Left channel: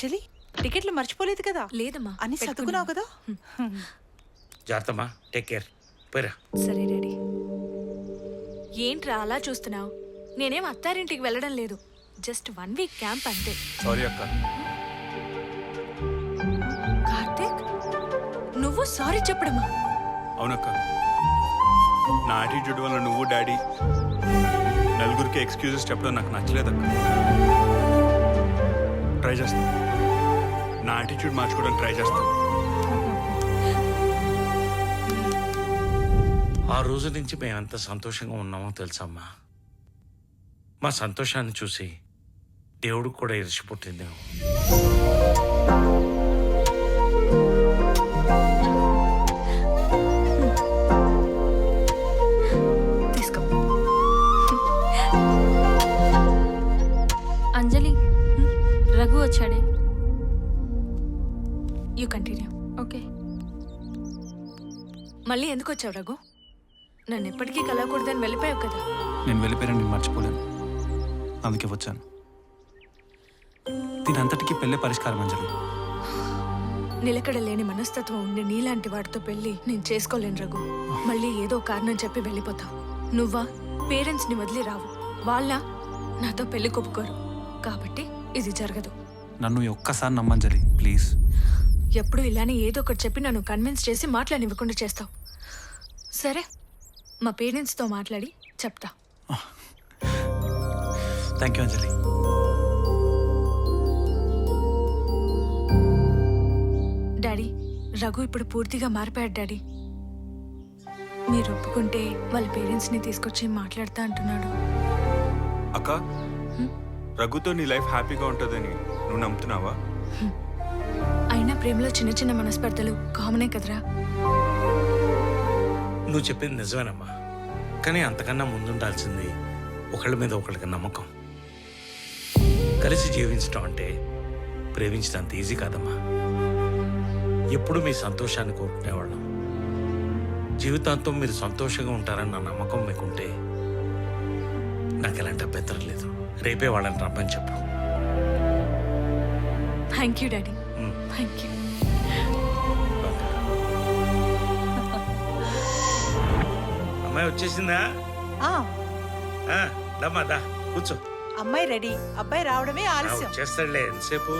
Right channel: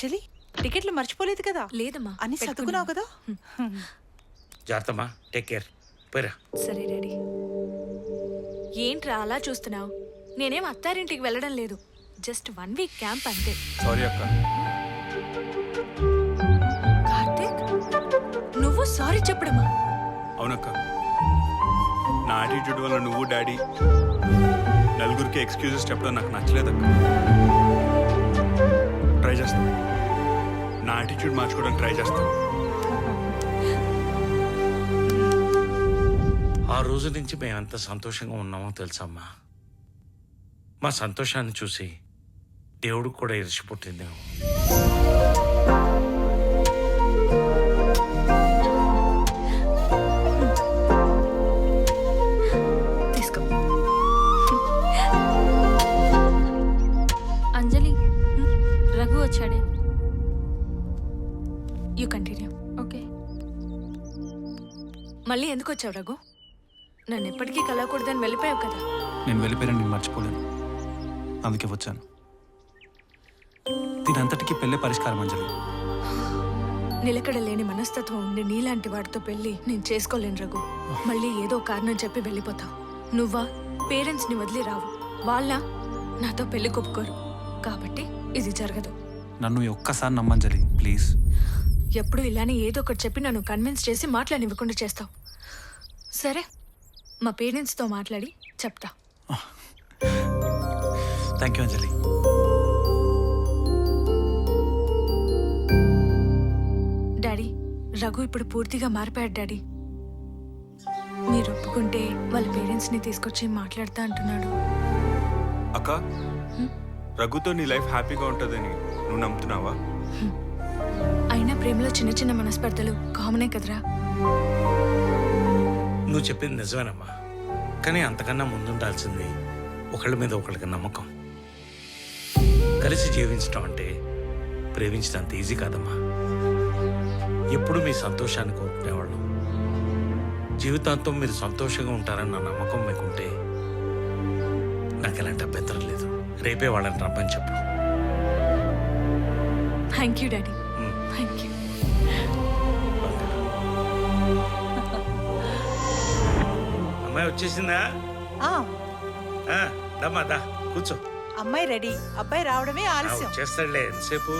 అంజలి టికెట్లు మర్చిపోలేదు కదా? లేదమ్మా, అన్ని సర్దుకున్నావు కదా? జాగ్రత్తమ్మా, టేక్ కేర్. పోయిరా. సరే డాడీ. ఏంట్రా అలా చూస్తున్నావు? నేనేం అత్తారింటికి వెళ్ళడం లేదు, జస్ట్ 1 వీక్ క్యాంప్ అంతే. సారీ అక్క. కార్తీక్, నువ్వు సారీ చెప్పడమా? అవునక్క, నా యాటిట్యూడ్ వల్ల నువ్వు డాడీ నలుగురికి ఎక్స్క్యూజెస్ చెప్పడం నాకు నచ్చలేదక్క. ట్రై చేస్తాను, నా యాటిట్యూడ్ మార్చుకోవడానికి ట్రై చేస్తాను. ఆ రోజు నుంచి మేమెంత సంతోషంగా ఉన్నామో తెలుసమ్మా. మా సంతోషాన్ని చూసి దేవుడికి కూడా ఇరిచి పుట్టిందేమో. తీసుకో. అంజలి, రఘు వచ్చాడే. You continue. ఓకే. మళ్ళీ ఎందుకు వచ్చావు రఘు? నన్ను ఎప్పటికీ కలవకూడదని వెళ్ళిపోయావు కదా. నేను వెళ్ళిపోయాను, నేను మర్చిపోలేను, అందుకే వచ్చాను. దీనంతటికీ పెళ్ళే పరిష్కారం అంజలి. నిలకడ లేని మనస్తత్వం ఉండి నీలాంటి వాడితో పెళ్లి నేను చేసుకోలేను రఘు. మళ్ళీ ఏదో కారణం చెప్పి వెళ్ళిపోతావు. నువ్వా పేరెంట్స్ ని వదిలి రావు, వాళ్ళ నాతో పెళ్లి కొప్పుకోరు. కాబట్టి ఇది జరగదు. నన్ను ఈ ఒక్కసారి నమ్మంజలి, ప్లీజ్. ఎప్పుడు ఇలానే ఏదో ఒకటి చెప్పి నన్ను కన్విన్స్ చేసి మాట్లాడివ్వకుండా చేస్తావు. సరే, మా పేరెంట్స్తో మాట్లాడి చెప్తా. Thank you Anjali. Daddy, Raghu ఇప్పుడు పూర్తిగా మారిపోయాడు డాడీ. మీరు ఒప్పుకుంటే వాళ్ళ పేరెంట్స్ని తీసుకొచ్చి మాట్లాడతా అంటున్నాడు. అక్క, రఘుతో నీ లైఫ్ హ్యాపీగా ఉంటుందని నువ్వు నమ్ముతున్నావా? అయినా ప్రేమలో చిన్న చిన్న మనస్పర్ధలు కామనే కదరా. నువ్వు చెప్పింది నిజమేనమ్మా, కానీ అంతకన్నా ముందుండాల్సింది ఒకళ్ళ మీద ఒకళ్ళకి నమ్మకం. కలిసి జీవించడం అంటే ప్రేమించడం అంత ఈజీ కాదమ్మా. ఎప్పుడు మీ సంతోషాన్ని కోరుకునేవాళ్ళం. జీవితాంతం మీరు సంతోషంగా ఉంటారని నా నమ్మకం మీకుంటే నాకు ఎలాంటి అభ్యంతరం లేదు. రేపే వాళ్ళని రమ్మని చెప్పు. Thank you daddy, thank you. అమ్మాయి వచ్చేసిందా? దమ్మా దా కూర్చో. అమ్మాయి రెడీ, అబ్బాయి రావడమే ఆలస్యం. వచ్చేస్తాడులే, ఎంతసేపు.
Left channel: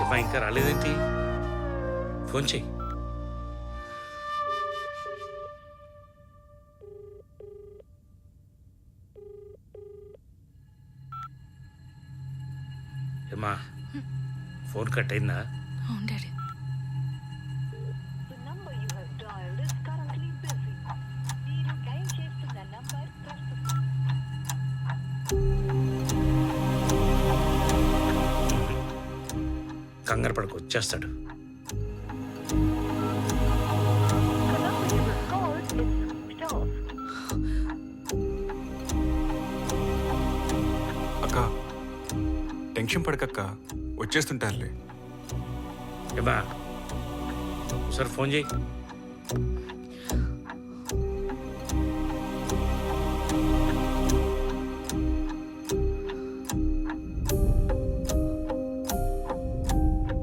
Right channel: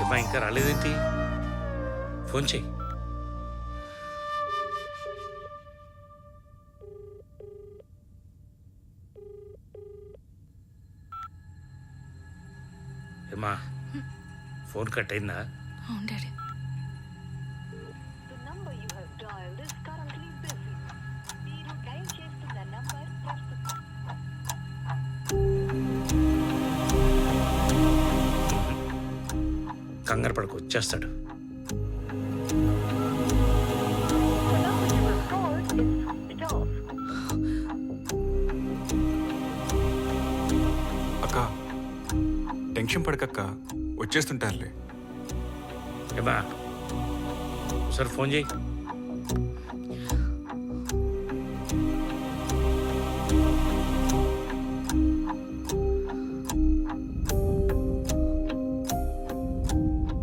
ఏమ్మా ఇంకా రాలేదేంటి? ఫోన్ చెయ్యి. ఏమ్మా ఫోన్ కట్ అయిందా? అవును డాడీ. కంగారు పడకు, వచ్చేస్తాడు. అక్క, టెన్షన్ పడకక్క, వచ్చేస్తుంటారులే. ఏమా ఒకసారి ఫోన్ చేయి.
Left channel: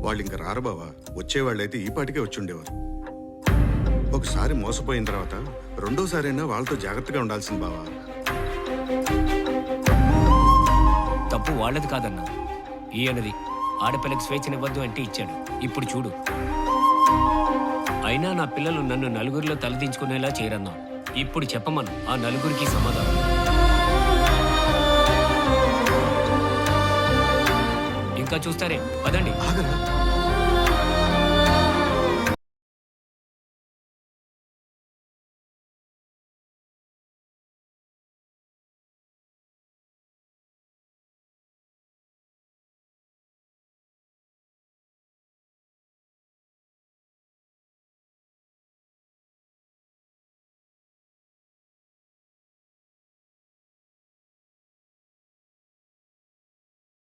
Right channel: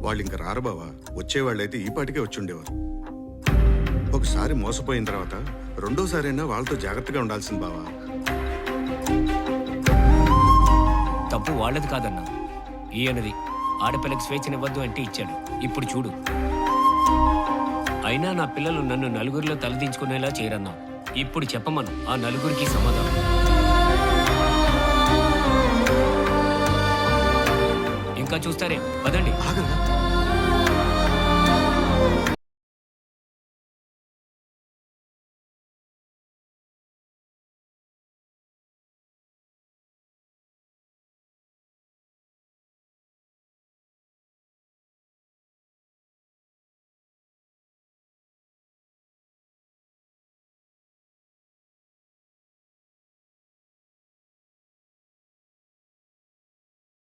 వాళ్ళు ఇంక రారు బావా. వచ్చేవాళ్ళైతే ఈ పాటికే వచ్చి ఉండేవారు. ఒకసారి మోసపోయిన తర్వాత రెండోసారైనా వాళ్ళతో జాగ్రత్తగా ఉండాల్సింది బావా. తప్పు వాళ్ళది కాదన్నా, ఈయనది. ఆడపిల్లకి స్వేచ్ఛనివ్వద్దు అంటే ఇచ్చాడు. ఇప్పుడు చూడు. అయినా నా పిల్లలు నన్ను నలుగురిలో తలదించుకునేలా చేయరన్నా. ఇప్పుడు చెప్పమను ఆ నలుగురికి సమాధానం. ఇంకా చూస్తారే, పదండి. ఆగరా.